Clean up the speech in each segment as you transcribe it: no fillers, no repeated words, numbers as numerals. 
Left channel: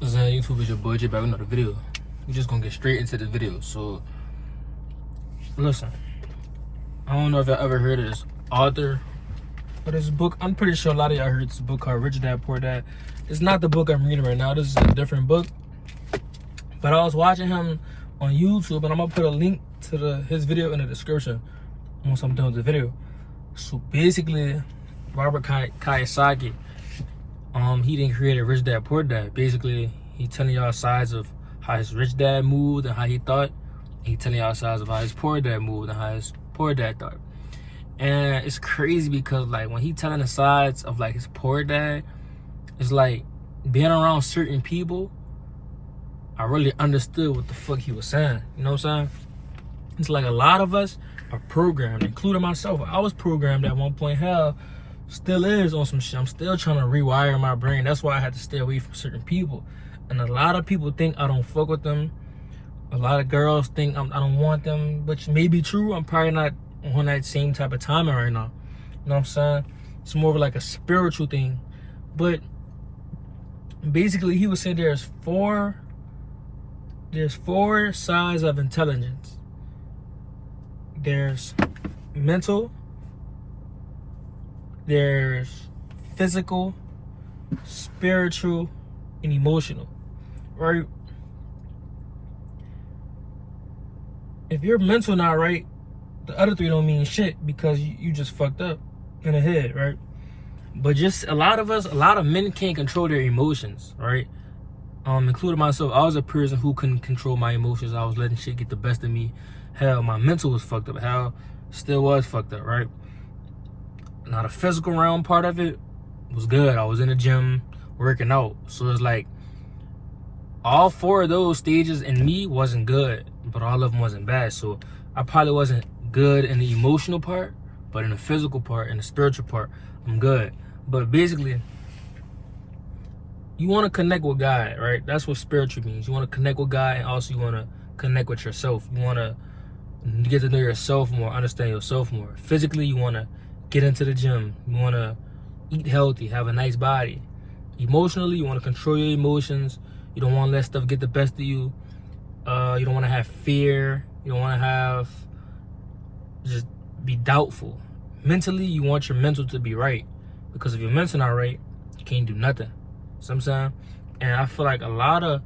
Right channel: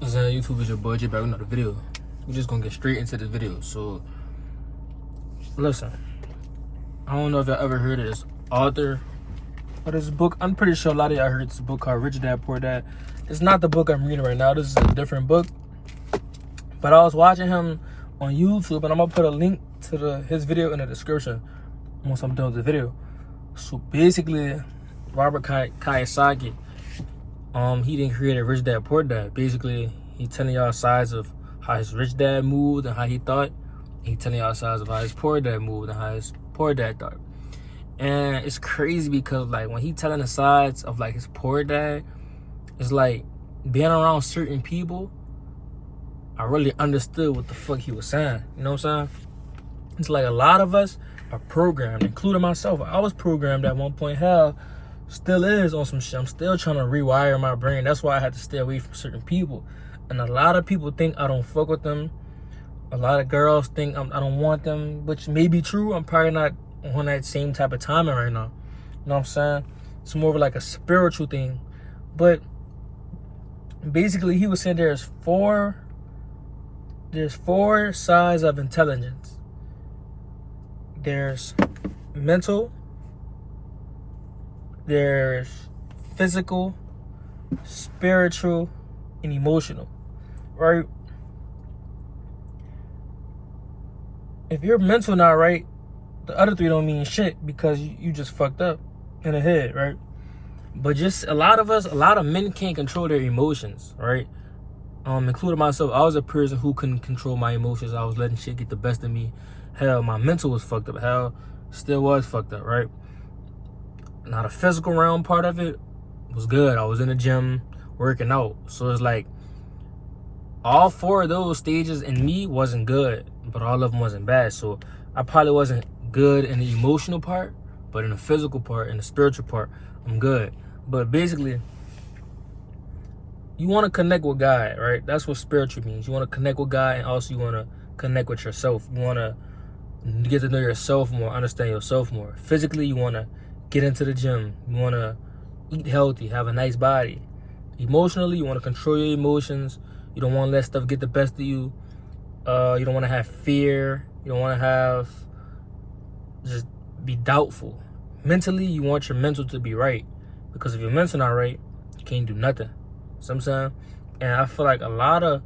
What's up, YouTube? Is your boy J back with another video. We're just gonna get straight into this video. So, listen, I don't know if y'all ever heard of this author or this book. I'm pretty sure a lot of y'all heard this book called Rich Dad Poor Dad. It's not the book I'm reading right now. This is a different book. But I was watching him on YouTube, and I'm gonna put a link to his video in the description once I'm done with the video. So basically, Robert Kiyosaki, he didn't create a Rich Dad Poor Dad. Basically, he telling y'all sides of how his rich dad moved and how he thought. He telling y'all sides of how his poor dad moved and how his poor dad thought. And it's crazy because like when he telling the sides of like his poor dad, it's like being around certain people, I really understood what the fuck he was saying. You know what I'm saying? It's like a lot of us are programmed, including myself. I was programmed at one point. Hell, still is on some shit. I'm still trying to rewire my brain. That's why I had to stay away from certain people. And a lot of people think I don't fuck with them. A lot of girls think I don't want them, which may be true. I'm probably not on that same type of timing right now. You know what I'm saying? It's more of like a spiritual thing. But basically, he was saying there's four sides of intelligence. There's mental, there's physical, spiritual, and emotional, right? If your mental not right, the other three don't mean shit because you just fucked up in the head, right? But just a lot of men can't control their emotions, right? Including myself. I was a person who couldn't control my emotions. I was letting shit get the best of me. Hell, my mental was fucked up. Hell, still was fucked up, right? Now the physical realm part of it was good. I was in the gym working out. So it's like all four of those stages in me wasn't good, but all of them wasn't bad. So I probably wasn't good in the emotional part, but in the physical part and the spiritual part, I'm good. But basically, you want to connect with God, right? That's what spiritual means. You want to connect with God, and also you want to connect with yourself. You want to get to know yourself more, understand yourself more. Physically, you want to get into the gym. You want to eat healthy, have a nice body. Emotionally, you want to control your emotions. You don't want to let stuff get the best of you. You don't want to have fear. You don't want to have just be doubtful. Mentally, you want your mental to be right, because if your mental not right, you can't do nothing. Sometimes, and I feel like a lot of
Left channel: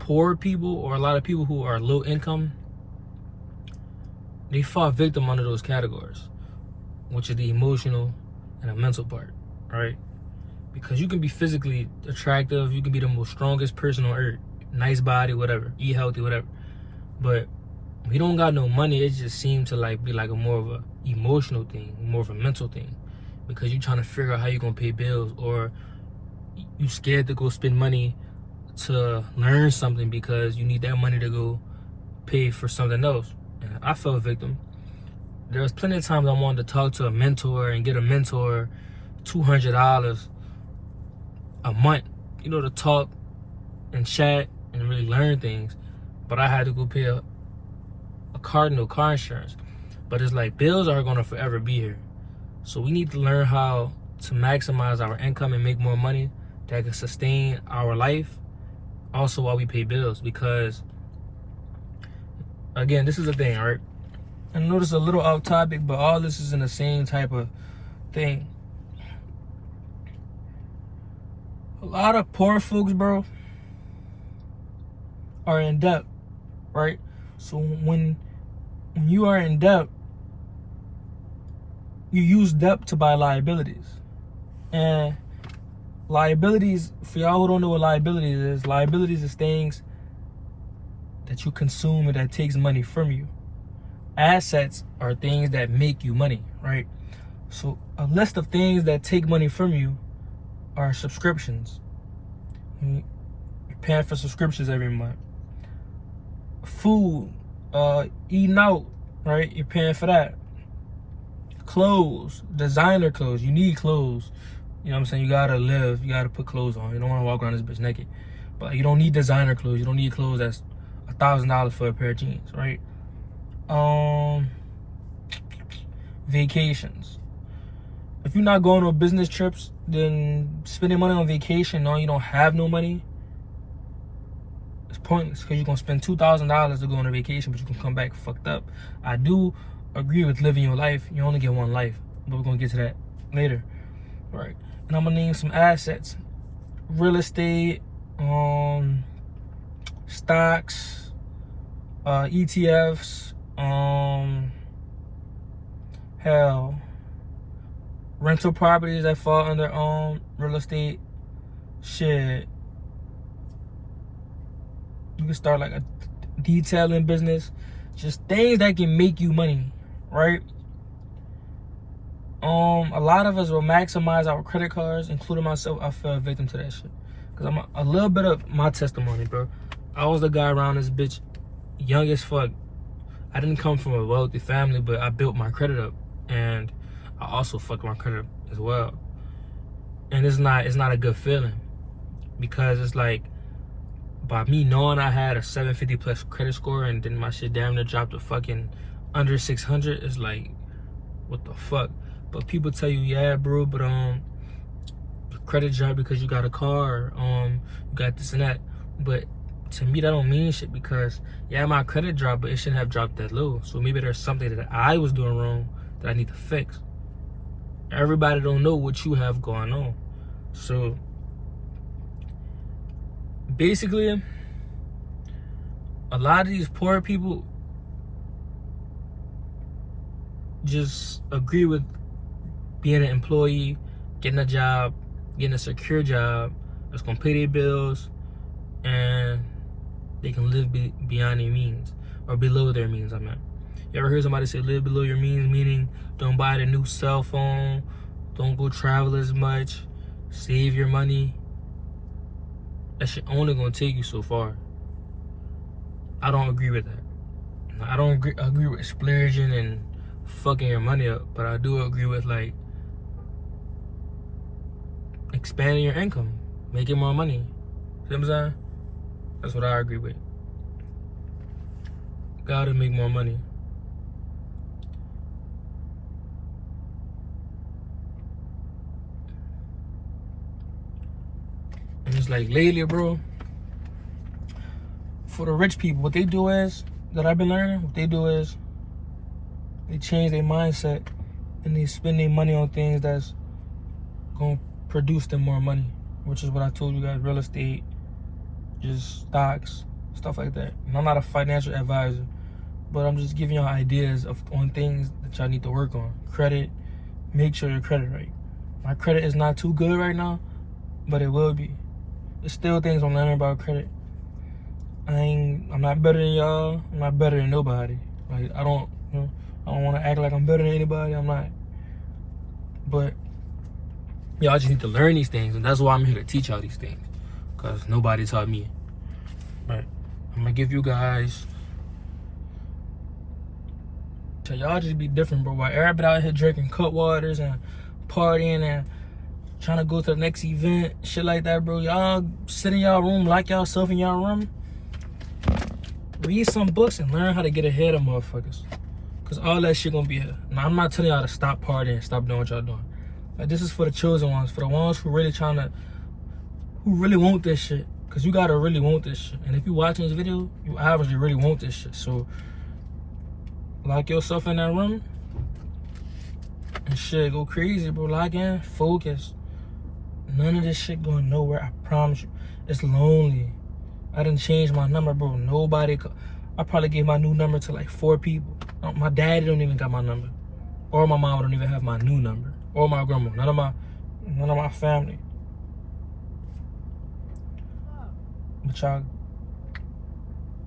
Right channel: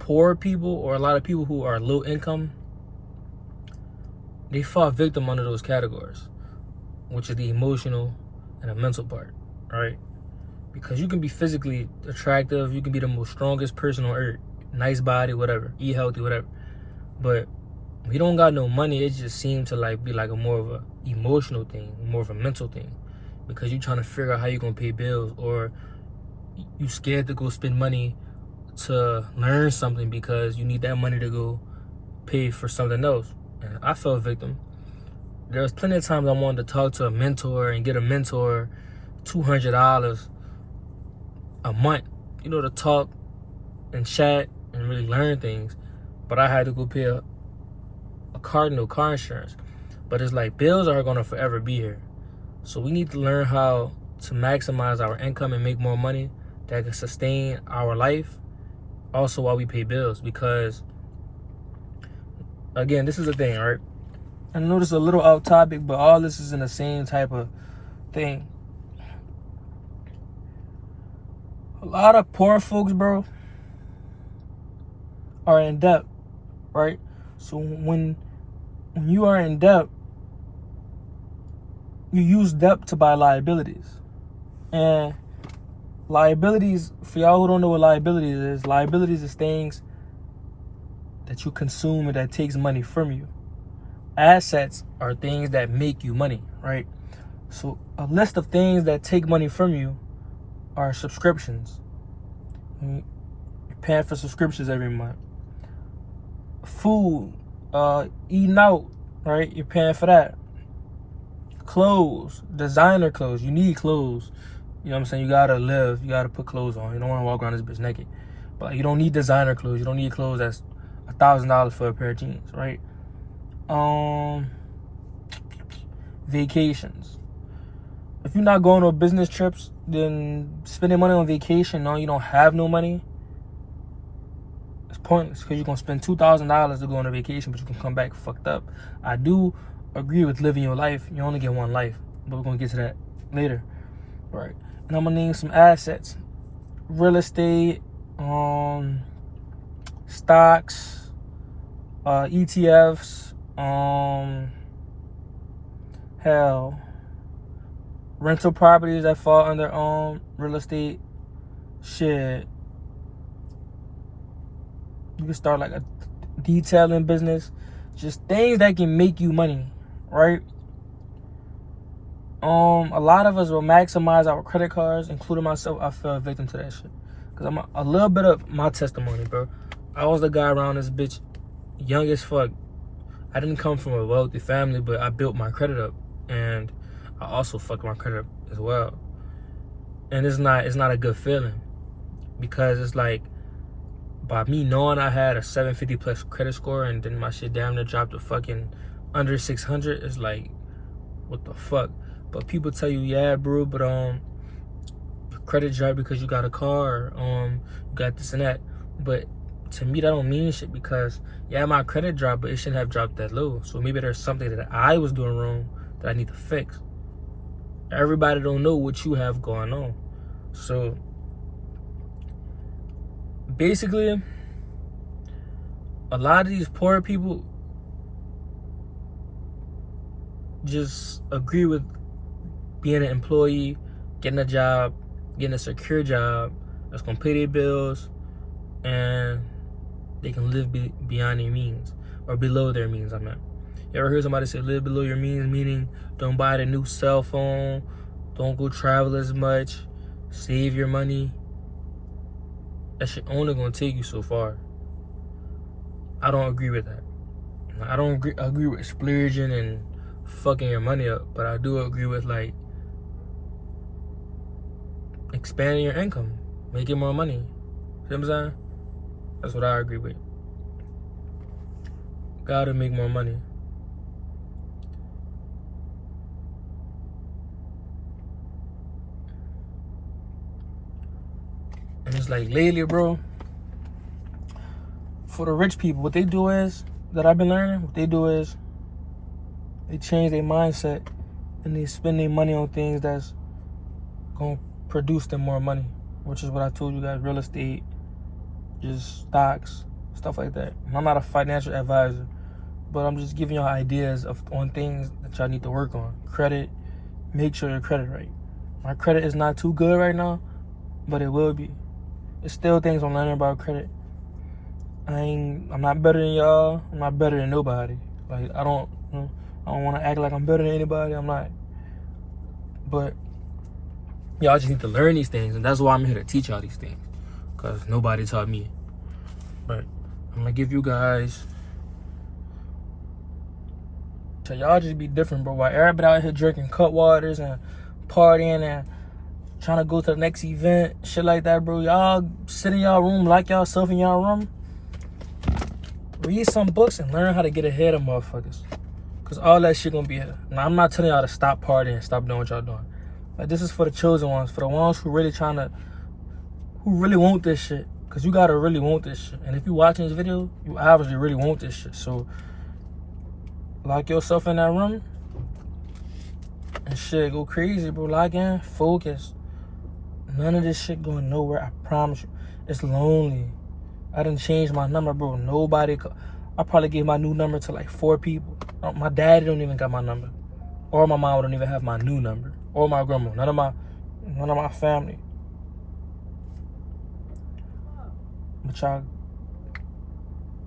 poor people or a lot of people who are low income, they fall victim under those categories, which is the emotional and the mental part, right? Because you can be physically attractive, you can be the most strongest person on earth, nice body, whatever, eat healthy, whatever. But when you don't got no money, it just seems to like be like a more of a emotional thing, more of a mental thing, because you're trying to figure out how you're gonna pay bills, or you scared to go spend money to learn something because you need that money to go pay for something else. And I fell victim. There was plenty of times I wanted to talk to a mentor and get a mentor $200 a month, to talk and chat and really learn things. But I had to go pay a car insurance. But it's like bills are gonna forever be here. So we need to learn how to maximize our income and make more money that can sustain our life also while we pay bills. Because again, this is the thing, right? I know this is a little off topic, but all this is in the same type of thing. A lot of poor folks, bro, are in debt, right? So when you are in debt, you use debt to buy liabilities. And liabilities, for y'all who don't know what liabilities is things that you consume and that takes money from you. Assets are things that make you money, right? So a list of things that take money from you are subscriptions. You're paying for subscriptions every month. Food, eating out, right? You're paying for that. Clothes, designer clothes. You need clothes. You know what I'm saying? You gotta live. You gotta put clothes on. You don't want to walk around this bitch naked. But you don't need designer clothes. You don't need clothes that's $1,000 for a pair of jeans, right? Vacations. If you're not going on business trips, then spending money on vacation, no, you don't have no money, It's pointless because you're gonna spend $2,000 to go on a vacation, but you can come back fucked up. I do agree with living your life. You only get one life, but we're gonna get to that later. All right, and I'm gonna name some assets: real estate, stocks, ETFs, hell, rental properties that fall under real estate. Shit, you can start like a detailing business, just things that can make you money, right? A lot of us will maximize our credit cards, including myself. I fell victim to that shit. Cause I'm a little bit of my testimony, bro. I was the guy around this bitch, young as fuck. I didn't come from a wealthy family, but I built my credit up, and I also fucked my credit up as well. And it's not a good feeling, because it's like, by me knowing I had a 750 plus credit score, and then my shit damn near dropped to fucking under 600, it's like, what the fuck? But people tell you, yeah, bro, but credit drop because you got a car, or you got this and that. But to me, that don't mean shit, because yeah, my credit dropped, but it shouldn't have dropped that low. So maybe there's something that I was doing wrong that I need to fix. Everybody don't know what you have going on. So basically, a lot of these poor people just agree with being an employee, getting a job, getting a secure job that's gonna pay their bills, and they can live beyond their means, or below their means. I meant. You ever heard somebody say live below your means, meaning don't buy the new cell phone, don't go travel as much, save your money? That shit only gonna take you so far. I don't agree with that. I don't agree with splurging and fucking your money up, but I do agree with like expanding your income, making more money. See what I'm saying? That's what I agree with. Gotta make more money. And it's like lately, bro, for the rich people, what they do is, that I've been learning, what they do is they change their mindset and they spend their money on things that's gonna produce them more money, which is what I told you guys: real estate, just stocks, stuff like that. And I'm not a financial advisor, but I'm just giving y'all ideas on things that y'all need to work on. Credit, make sure your credit right. My credit is not too good right now, but it will be. There's still things I'm learning about credit. I'm not better than y'all. I'm not better than nobody. Like, I don't want to act like I'm better than anybody. I'm not. But y'all just need to learn these things, and that's why I'm here to teach y'all these things, because nobody taught me. But I'm gonna give you guys, so y'all just be different, bro. While everybody out here drinking cut waters and partying and trying to go to the next event, shit like that, bro, y'all sit in y'all room, lock y'allself in y'all room, read some books and learn how to get ahead of motherfuckers, because all that shit gonna be here. Now, I'm not telling y'all to stop partying, stop doing what y'all doing. Like, this is for the chosen ones, for the ones who really who really want this shit, because you gotta really want this shit. And if you watching this video, you obviously really want this shit. So lock yourself in that room and shit, go crazy, bro. Lock in, focus. None of this shit going nowhere, I promise you. It's lonely. I didn't change my number, bro. I probably gave my new number to like 4 people. My dad don't even got my number, or my mom don't even have my new number, or my grandma. None of my family. But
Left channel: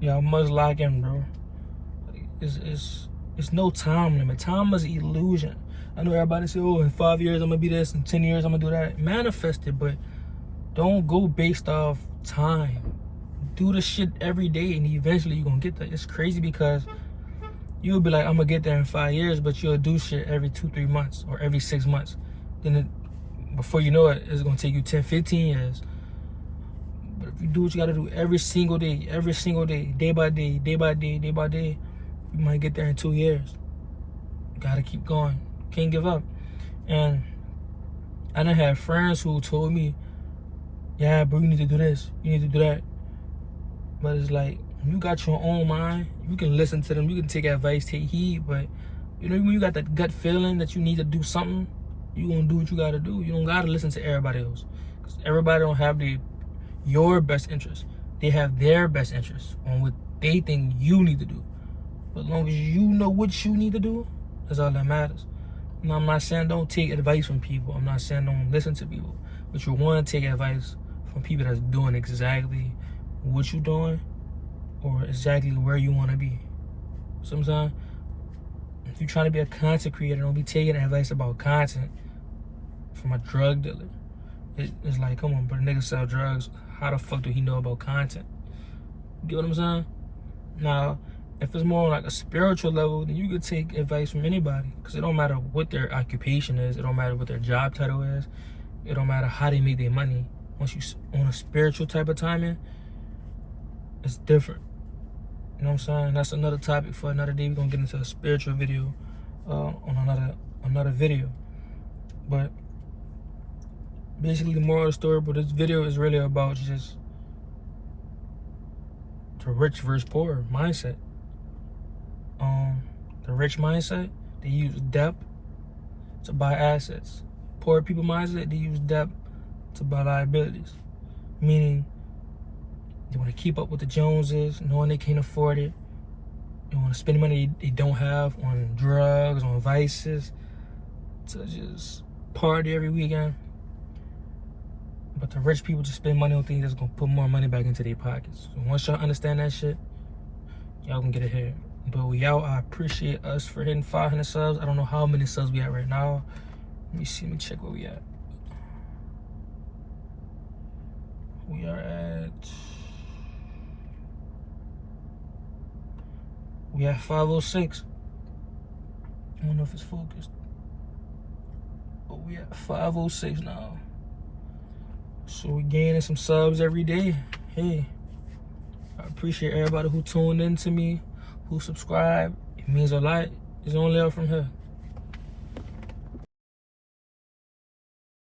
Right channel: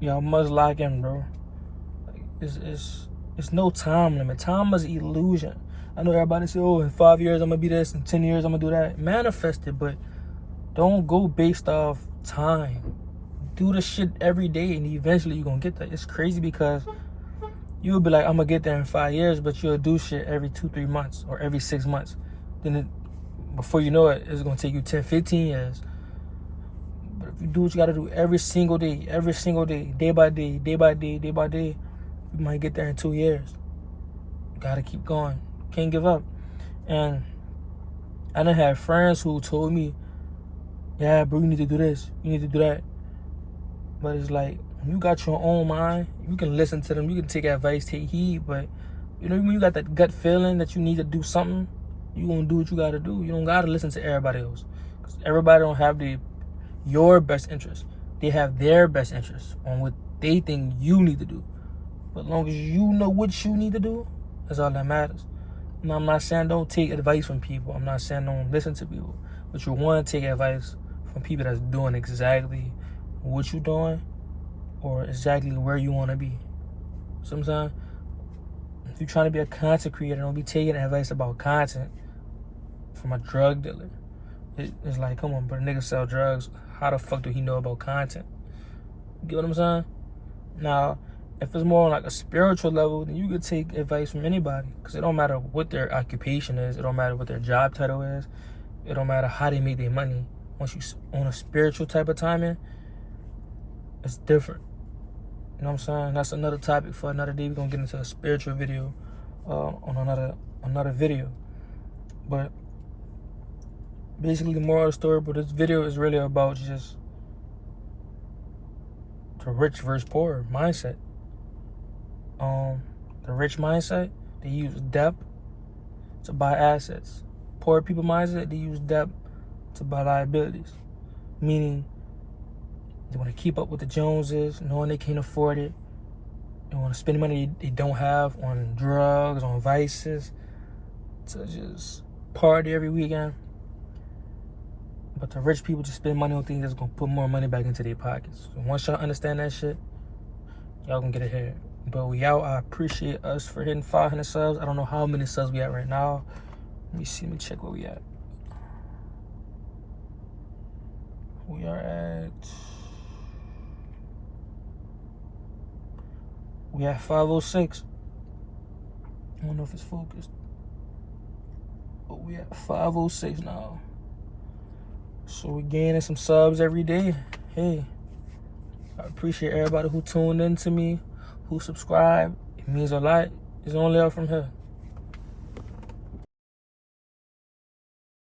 y'all must lock in, bro. It's no time limit. Time is an illusion. I know everybody say, oh, in 5 years I'm gonna be this, in 10 years I'm gonna do that. Manifest it, but don't go based off time. Do the shit every day, and eventually you're gonna get there. It's crazy because you'll be like, I'm gonna get there in 5 years, but you'll do shit every 2-3 months or every 6 months. Then before you know it, it's gonna take you 10-15 years. But if you do what you gotta do every single day, day by day, you might get there in 2 years. You gotta keep going. Can't give up. And I done had friends who told me, yeah, bro, you need to do this, you need to do that. But it's like, you got your own mind. You can listen to them. You can take advice, take heed. But, you know, when you got that gut feeling that you need to do something, you gonna do what you gotta do. You don't gotta listen to everybody else. Because everybody don't have your best interest. They have their best interest on what they think you need to do. But as long as you know what you need to do, that's all that matters. Now, I'm not saying don't take advice from people. I'm not saying don't listen to people. But you want to take advice from people that's doing exactly what you're doing or exactly where you want to be. Sometimes, if you're trying to be a content creator, don't be taking advice about content from a drug dealer. It's like, come on, but a nigga sell drugs. How the fuck do he know about content? You get what I'm saying? Now, if it's more on like a spiritual level, then you could take advice from anybody. Because it don't matter what their occupation is. It don't matter what their job title is. It don't matter how they make their money. Once you on a spiritual type of timing, it's different. You know what I'm saying? That's another topic for another day. We're going to get into a spiritual video on another video. But basically, the moral of the story, but this video is really about just the rich versus poor mindset. The rich mindset, they use debt to buy assets. Poor people mindset, they use debt to buy liabilities. Meaning, they want to keep up with the Joneses, knowing they can't afford it. They want to spend money they don't have on drugs, on vices, to just party every weekend. But the rich people just spend money on things that's going to put more money back into their pockets. So once y'all understand that shit, y'all can get ahead. But we out. I appreciate us for hitting 500 subs. I don't know how many subs we at right now. Let me see. Let me check where we at. We are at 506. I don't know if it's focused. But we at 506 now. So we're gaining some subs every day. Hey, I appreciate everybody who tuned in to me, who subscribed. It means a lot. It's only up from here.